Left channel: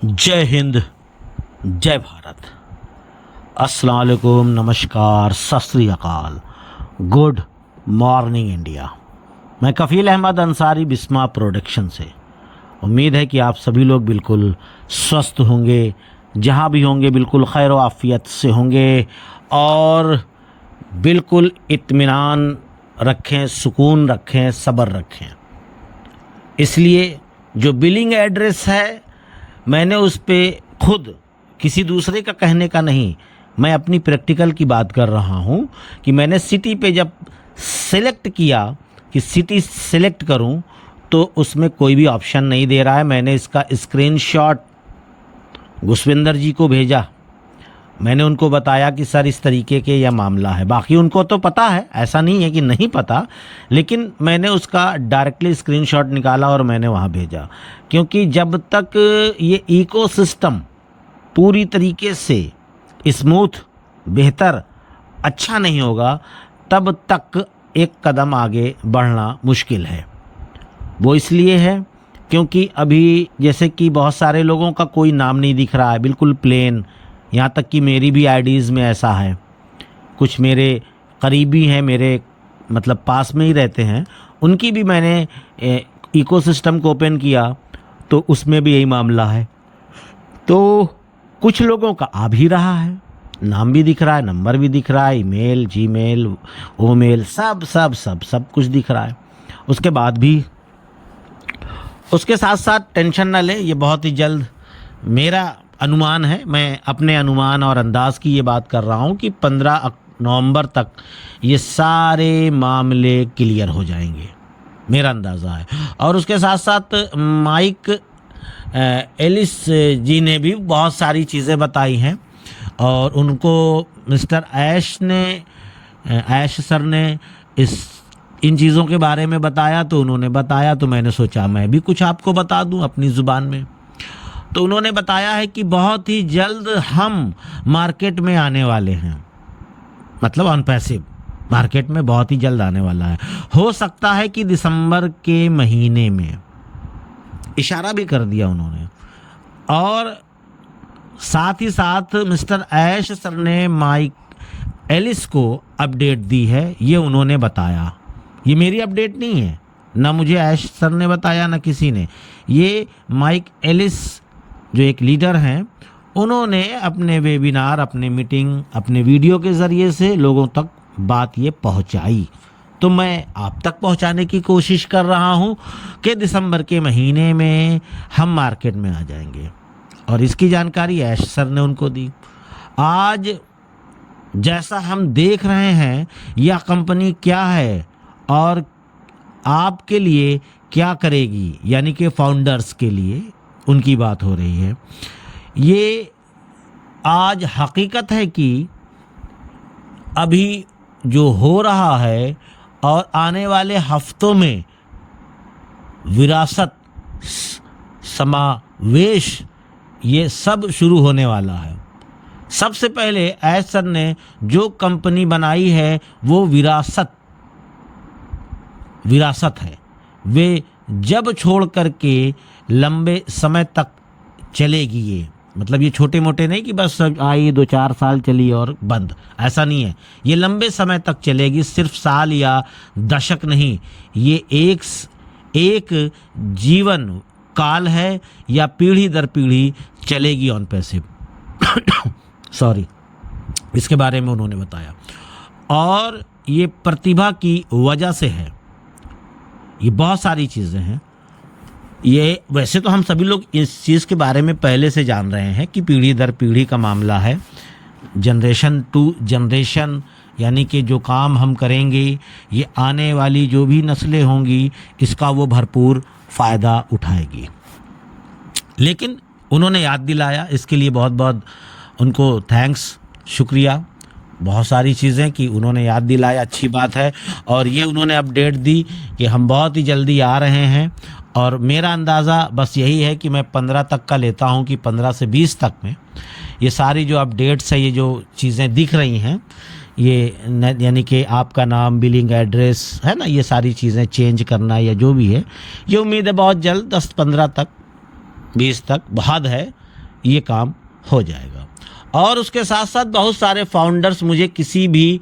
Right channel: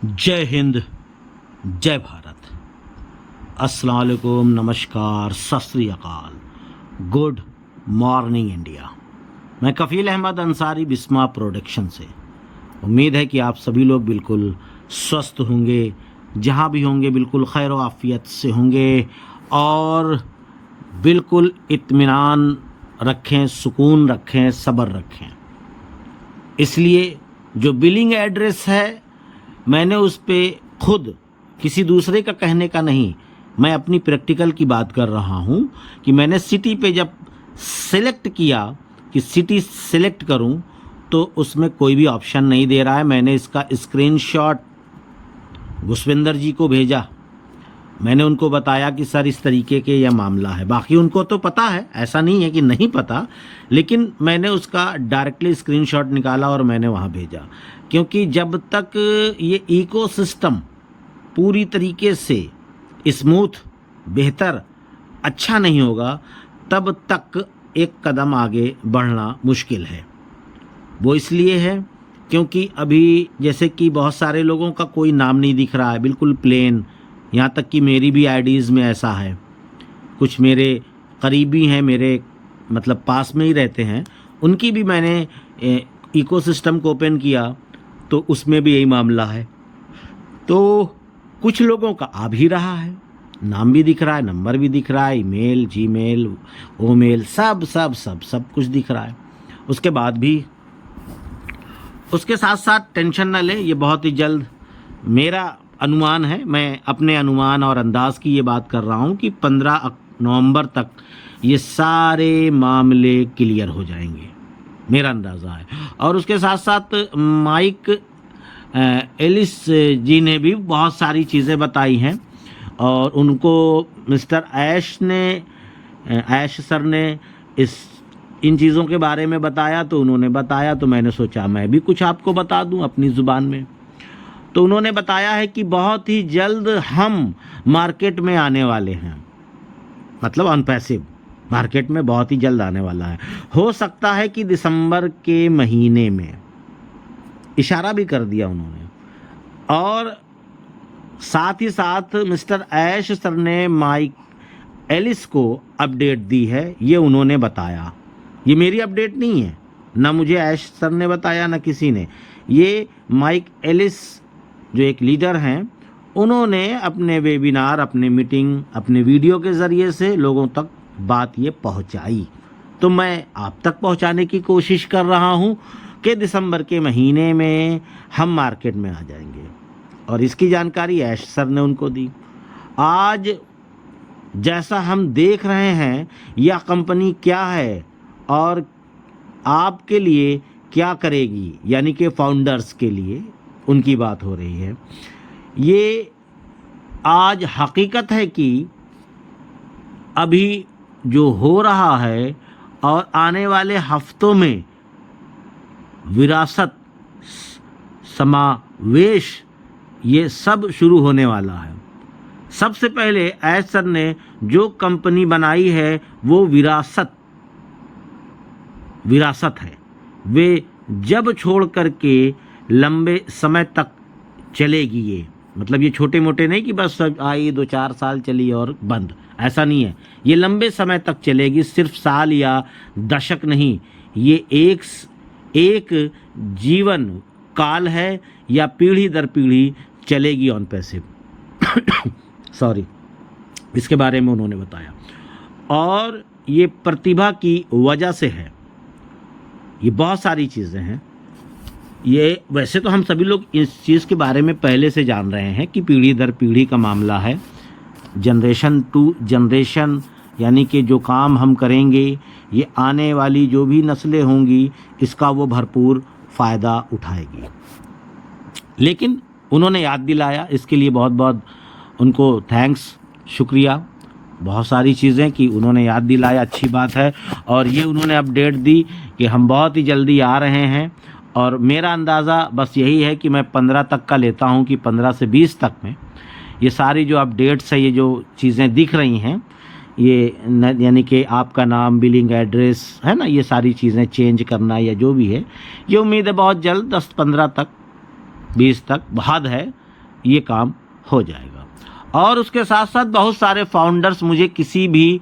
जय हिंद, जय भारत। अस्सलाम वालेकुम, नमस्कार, सत श्री अकाल, गुड मॉर्निंग इंडिया। मैं कफ़ील अहमद अंसारी, बिस्मा प्रोडक्शन से। उम्मीद है कि आप सभी लोग बिल्कुल स्वस्थ होंगे, जहाँ भी होंगे बिल्कुल खैर व आफियत से होंगे और बिल्कुल इत्मीनान रखें, सुकून रखें, सब्र रखें। इसलिए जो बिलिंग एड्रेस है, मैंने उस पे खुद किसी दूसरे का कहने का नहीं, मैं अपनी प्रैक्टिकल की बात कर रहा हूँ कि मैंने सिटी पे जब सेलेक्ट किया कि सिटी सेलेक्ट करूँ तो उसमें कोई भी ऑप्शन नहीं दे रहा है। मैंने इसका स्क्रीनशॉट घुसविंदर जी को भेजा। मैंने उनको बताया कि सर इस तरीके के यह मामला है। बाकी उनको तो पता है, ऐसा नहीं है कि नहीं पता, लेकिन मैंने उसका डायरेक्टली स्क्रीनशॉट निकाला और मैंने वहाँ भेजा। क्योंकि जब तक ये इकोसिस्टम पूरी तरीके से स्मूथ, बेहतर, अच्छा नहीं होगा, तब तक एक कदम आगे बढ़ना मुश्किल है। वो इसलिए है क्योंकि अभी जैसे कि बहुत सारे लोगों का कोई नाम नहीं दिख रहा है, बिल्कुल प्लेन। यहाँ तक कि मेरी भी आईडीज़ में ऐसा है। कुछ मेरे करीबी हैं, मेरे मतलब पास में ही रहते हैं, उनकी भी मैंने इकोसिस्टम को ओपन किया तो उसमें भी यही मामला है। तो कुछ लोगों का आ भी रहा है, नाम भी दिख रहा है, नंबर भी दिख रहा है, ईमेल, जीमेल, ओमेल, सब सब सब सब कुछ दिख रहा है। उसके बाद भी उसके साथ साथ टेंशन न ले, ये बहुत ही जल्द, मेरा अनुमान है, मैं अपने अनुमान और अंदाज की ये बात कर रहा हूँ कि 15 नवंबर तक ये सारे मामले क्लियर हो जाएंगे, मेरा अंदाज़ा है। और उसके साथ साथ माइक एलिस जी ने भी बहुत सारी चीज़ें बताई हैं और उनको मिस्टर ऐश सर ने इन चीज़ों के बारे में बताया, तो उन्होंने बताया तो मैंने सोचा मैं भी कुछ आपको बता दूं अपनी ज़ुबान में। तो उन्होंने बताया है कि बहुत ही जल्द हम मार्केट में आने वाले हैं, मतलब ऑन पैसिव मार्केट में बहुत ही जल्द आने वाला है। हो सकता है कि दिसंबर के महीने में, इशारा भी कर दिया उन्होंने। और साथ ही साथ मिस्टर ऐश सर ने माइक एलिस को अपडेट दी है, ये उन्होंने बताया। ये मेरी अपडेट नहीं है, ना मुझे ऐश सर ने बताया, ना किसी ने। ये माइक एलिस जो एक लीडर हैं, उन्होंने अपने वेबिनार, अपने मीटिंग, अपने वीडियो के ज़रिए से लोगों तक बात ये पहुंचाई। तो मैं आप तक पहुंचाने की कोशिश कर रहा हूं कि दिसंबर के महीने में हम मार्केट में आ जाएंगे। और इसकी जानकारी ऐश सर ने उनको दी। आज जैसा हम देख रहे हैं, यह कंपनी क्या है और आपके लिए क्या करेगी, यानी कि फाउंडर्स के लिए उनकी बात हो रही है। ये आज हकीकत है कि अभी जो हो रहा है और आने वाले हफ्तों में विरासत, समावेश, ये सब शुरू होने वाला है। सबसे पहले ऐश सर ने जो कंपनी बनाई है वो विरासत है। वे जब छोड़ करके लंबे समय तक चलेगी, ये मतलब ये छोटे मोटे नहीं कि बस आई 2-4 साल चली और बंद, ऐसा नहीं है। ये लंबे समय तक चलेगी, सिर्फ साल या दशक नहीं। ये एक जीवन काल है या पीढ़ी दर पीढ़ी चलेगी ऑन पैसिव। सॉरी, इसके बारे में उन्होंने बताया। और ये प्रतिभा की वजह से है, ये बहुत सारी चीज़ें हैं। ये वैसे तो हम सभी लोग इस चीज़ के बारे में पहले से जान रहे हैं कि पीढ़ी दर पीढ़ी का मामला है, जनरेशन टू जनरेशन, यानी कि जो काम हम करेंगे ये आने वाली जो भी नस्लें होंगी इसका वो भरपूर फ़ायदा उठाएगी। लेकिन उन्होंने याद दिलाया, इसके लिए बहुत बहुत उनको थैंक्स, शुक्रिया। बहुत सारी चीज़ें कि उन्होंने याद दिलाया, अच्छी बात है। और ये उन्होंने अपडेट दी कि हम बहुत ही जल्दी आ रहे हैं। और मेरा अंदाज़ा बस यही है कि मैं 15 तक का लेता हूँ कि 15 से 20 तक में ये सारी जो अपडेट्स है, ये जो चीज़ें दिख रही हैं, ये यानी कि आपका नाम, बिलिंग एड्रेस है ना, ये सारी चीज़ें चेंज करना या जो भी है, ये उम्मीद है बहुत जल्द 10-15 तक, 20 तक, बहुत है ये काम हो जाएगा। और उसके साथ साथ बहुत सारे फाउंडर्स मुझे किसी भी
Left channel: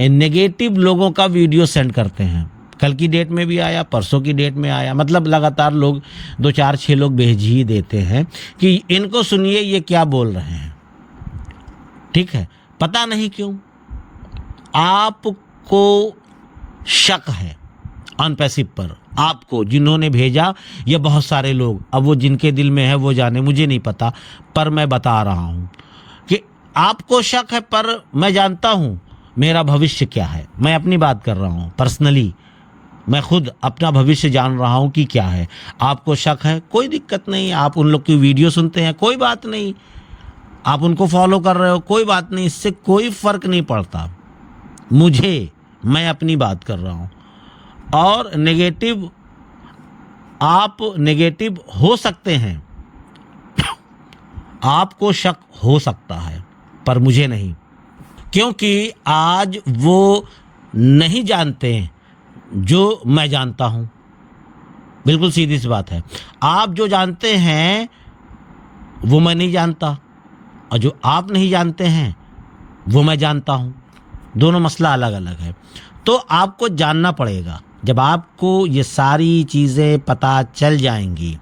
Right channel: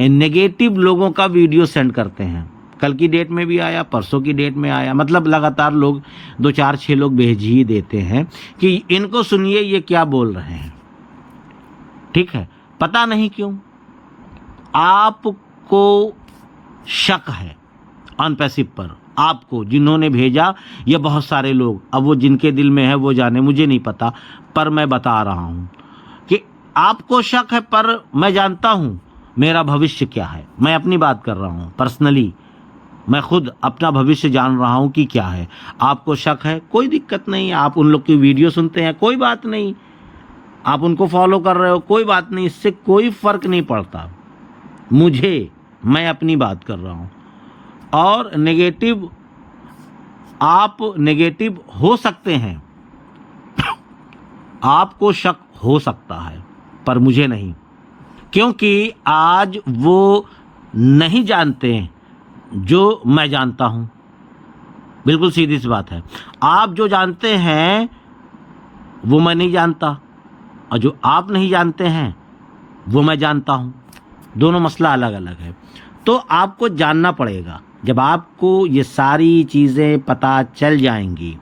नेगेटिव लोगों का वीडियो सेंड करते हैं। कल की डेट में भी आया, परसों की डेट में आया, मतलब लगातार लोग 2 4 6 लोग भेज ही देते हैं कि इनको सुनिए ये क्या बोल रहे हैं। ठीक है, पता नहीं क्यों आपको शक है ऑन पैसिव पर, आपको जिन्होंने भेजा ये बहुत सारे लोग, अब वो जिनके दिल में है वो जाने, मुझे नहीं पता, पर मैं बता रहा हूँ कि आपको शक है, पर मैं जानता हूँ मेरा भविष्य क्या है। मैं अपनी बात कर रहा हूँ पर्सनली, मैं खुद अपना भविष्य जान रहा हूँ कि क्या है। आपको शक है, कोई दिक्कत नहीं, आप उन लोग की वीडियो सुनते हैं, कोई बात नहीं, आप उनको फॉलो कर रहे हो, कोई बात नहीं, इससे कोई फ़र्क नहीं पड़ता मुझे, मैं अपनी बात कर रहा हूँ। और नेगेटिव, आप नेगेटिव हो सकते हैं, आपको शक हो सकता है, पर मुझे नहीं, क्योंकि आज वो नहीं जानते जो मैं जानता हूँ। बिल्कुल सीधी सी बात है, आप जो जानते हैं वो मैं नहीं जानता, और जो आप नहीं जानते हैं वो मैं जानता हूँ, दोनों मसला अलग अलग है। तो आपको जानना पड़ेगा। जब आपको ये सारी चीज़ें पता चल जाएंगी,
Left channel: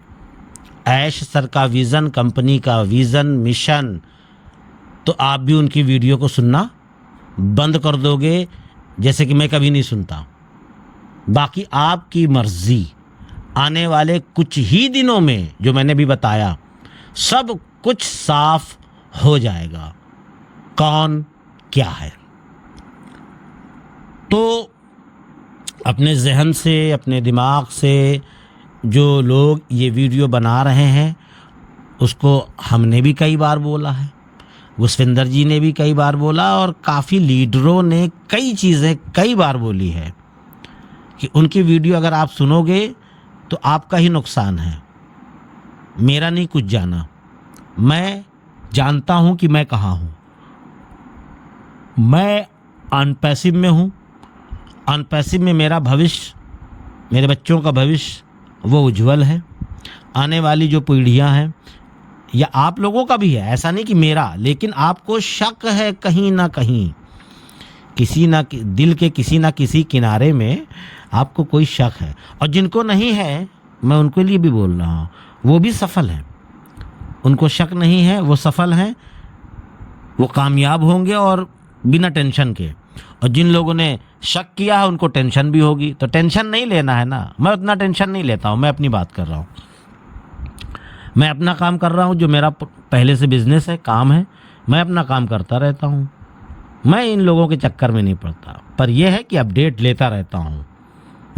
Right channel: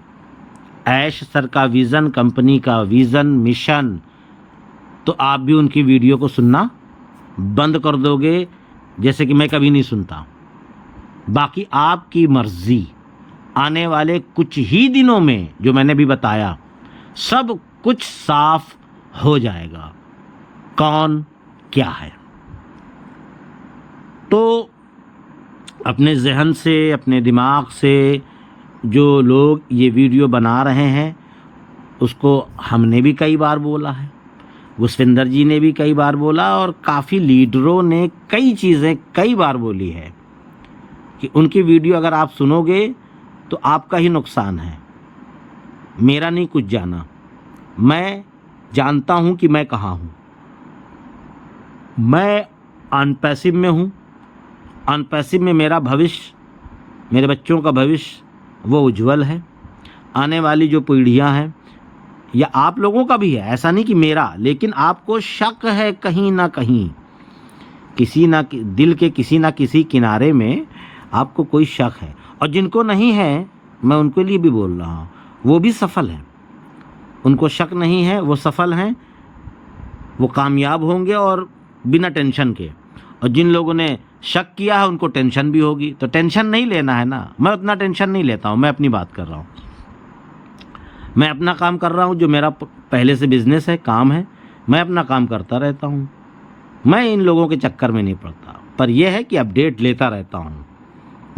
ऐश सर का विज़न, कंपनी का विज़न, मिशन, तो आप भी उनकी वीडियो को सुनना बंद कर दोगे, जैसे कि मैं कभी नहीं सुनता। बाकी आपकी मर्ज़ी, आने वाले कुछ ही दिनों में जो मैंने भी बताया सब कुछ साफ हो जाएगा, कौन क्या है। तो अपने जहन से, अपने दिमाग से जो लोग ये वीडियो बना रहे हैं, उसको हमने भी कई बार बोला है, पुष्पिंदर जी ने भी कई बार बोला, और काफ़ी लीडरों ने कई चीज़ें कई बार बोली है कि उनकी वीडियो अगर आप सुनोगे तो आपका ही नुकसान है, मेरा नहीं कुछ जाना। मैं जानता हूँ कि मैं कहाँ हूँ, मैं अनपैसिव में हूँ। अनपैसिव में मेरा भविष्य, मेरे बच्चों का भविष्य वो उज्जवल है। आने वाली जो पीढ़ियाँ हैं, या आप लोगों का भी है, ऐसा नहीं कि मेरा, लेकिन आपको शक है कहीं ना कहीं, किसी ना दिल के किसी ना किसी किनारे में आपको कोई शक है। और जिनको नहीं है, मैं उनके लिए भी बोल रहा हूँ, वो भी सफल हैं। उनको शक नहीं है, वो सफल हैं, वो कामयाब होंगे और बिना टेंशन के। और जिन लोगों ने शक किया है उनको टेंशन भी होगी, तो टेंशन नहीं लेना है ना। मैं उतना टेंशन नहीं लेता हूँ, मैं अपनी बात कर रहा हूँ, मैं अपना काम कर रहा हूँ, जो मेरा पहले से बिजनेस है, काम है, मैं अपना काम करता रहता हूँ, मैं इन लोगों के चक्कर में नहीं पड़ता। पर यह है कि अपडेट लेता रहता हूँ,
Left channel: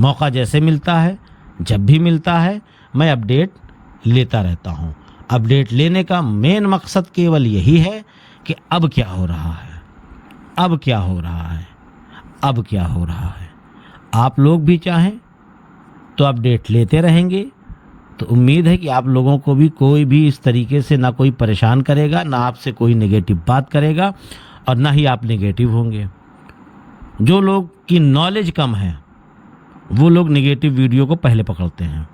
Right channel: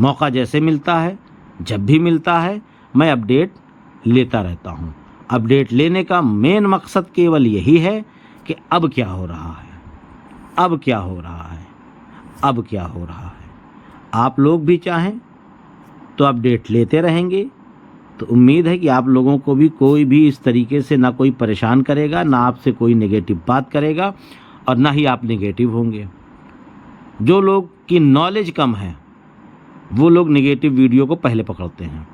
मौका जैसे मिलता है, जब भी मिलता है, मैं अपडेट लेता रहता हूँ। अपडेट लेने का मेन मकसद केवल यही है कि अब क्या हो रहा है, अब क्या हो रहा है, अब क्या हो रहा है। आप लोग भी चाहें तो अपडेट लेते रहेंगे, तो उम्मीद है कि आप लोगों को भी कोई भी इस तरीके से ना कोई परेशान करेगा, ना आपसे कोई नेगेटिव बात करेगा, और ना ही आप नेगेटिव होंगे। जो लोग की नॉलेज कम है वो लोग नेगेटिव वीडियो को पहले पकड़ते हैं,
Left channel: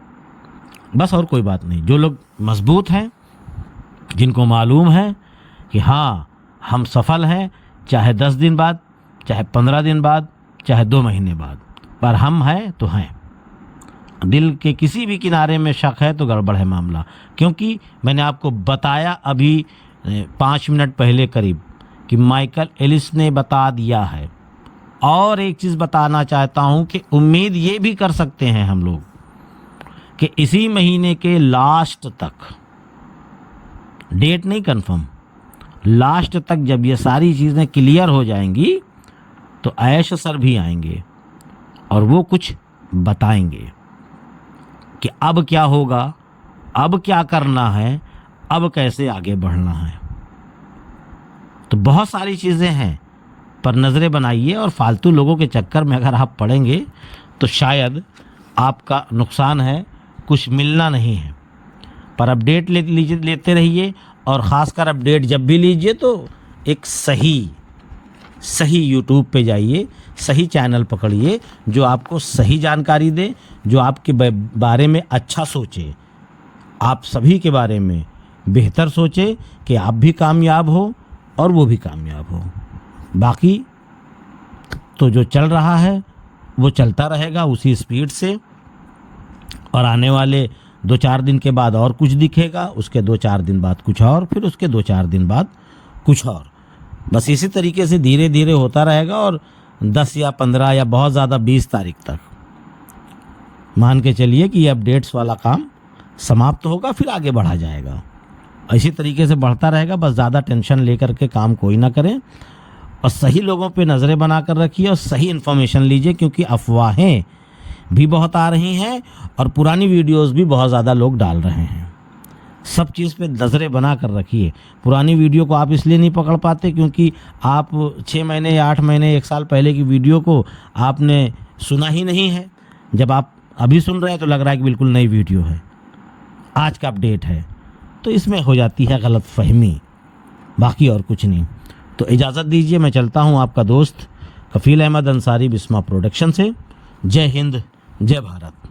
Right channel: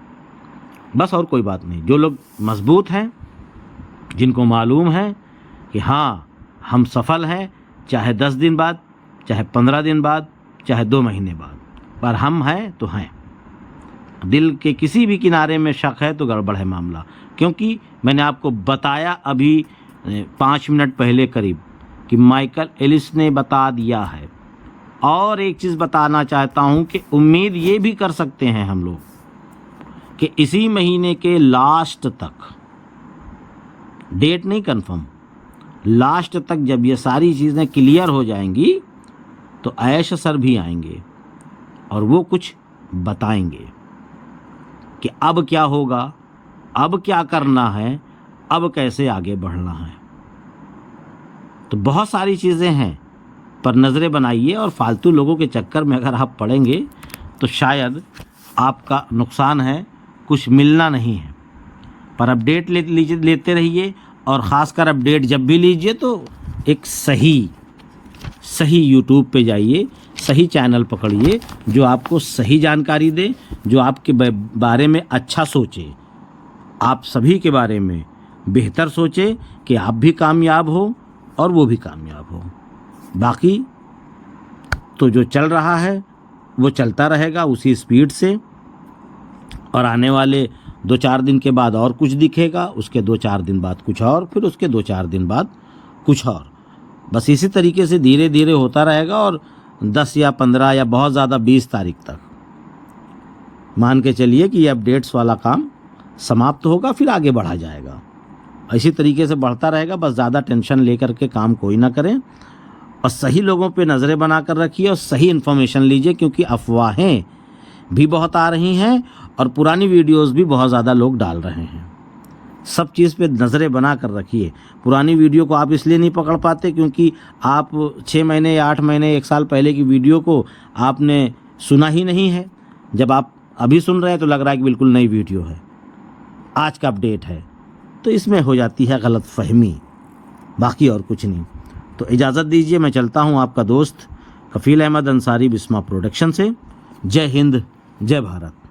बस, और कोई बात नहीं। जो लोग मजबूत हैं, जिनको मालूम है कि हाँ हम सफल हैं, चाहे 10 दिन बाद, चाहे 15 दिन बाद, चाहे 2 महीने बाद, पर हम हैं तो हैं। दिल के किसी भी किनारे में शक है तो गड़बड़ है मामला। क्योंकि मैंने आपको बताया अभी 5 मिनट पहले करीब कि माइकल एलिस ने बता दिया है। और एक चीज़ बताना चाहता हूँ कि उम्मीद ये भी कर सकते हैं हम लोग कि इसी महीने के लास्ट तक, डेट नहीं कंफर्म, लास्ट तक जब ये सारी चीज़ें क्लियर हो जाएंगी तो ऐश सर भी आएंगे और वो कुछ बताएंगे कि अब क्या होगा, अब क्या करना है, अब कैसे आगे बढ़ना है। तो बहुत सारी चीज़ें हैं, पर नज़रें बनाइए, और फालतू लोगों के चक्कर में अगर आप पड़ेंगे तो शायद आपका नुकसान है, कुछ मिलना नहीं है। पर अपडेट लेते रहिए, और ख़ासकर अपडेट जब भी लीजिए तो एक सही यूट्यूब पे जाइए, सही चैनल पकड़िए जो आपको सही जानकारी दे, जो आपके बारे में अच्छा सोचे, आप सभी के बारे में बेहतर सोचे कि आप भी कामयाब हो और वो भी कामयाब हो। बाकी तो जो चल रहा है वो चलता रहेगा उसी स्पीड से, और आने वाले 2-4 दिन के बाद और कुछ दिखेगा, उसके 2-4 दिन बाद कुछ और, फिर उसके 2-4 दिन बाद कुछ और। बस इसी तरीके से धीरे धीरे होता रहेगा, और 10 या 15 या बहुत ज़्यादा 20 तारीख तक मान के चलिए कि ये अपडेट्स वाला काम समाप्त होगा, फिर आगे बढ़ा जाएगा। इसी तरीके से बढ़ता रहेगा। बस ज़्यादा टेंशन लेकर के काम कोई ना करें, और सही लोगों पे नज़रें बना कर रखिए और सही इन्फॉर्मेशन लीजिए, क्योंकि अफवाहें भी बहुत आ रही हैं और पुरानी वीडियोस भी बहुत ज़्यादा लोग डाल रहे हैं। सब चीज़ पे नज़रें बना कर रखिए। पुरानी वीडियो को आप इसलिए नहीं पकड़ पाते क्योंकि आप 6 महीने या 8 महीने 1 साल पहले की वीडियो को आपने सुना ही नहीं है। जब आप अभी सुन रहे हैं तो लग रहा है कि बिल्कुल नई वीडियो है, आज का अपडेट है, तो इसमें हो जाती है गलत फहमी, बाकी और कुछ नहीं। तो इजाज़त दीजिए, मैं चलता हूँ। आपका दोस्त कफील अहमद अंसारी बिस्मा प्रोडक्शन से। जय हिंद, जय भारत।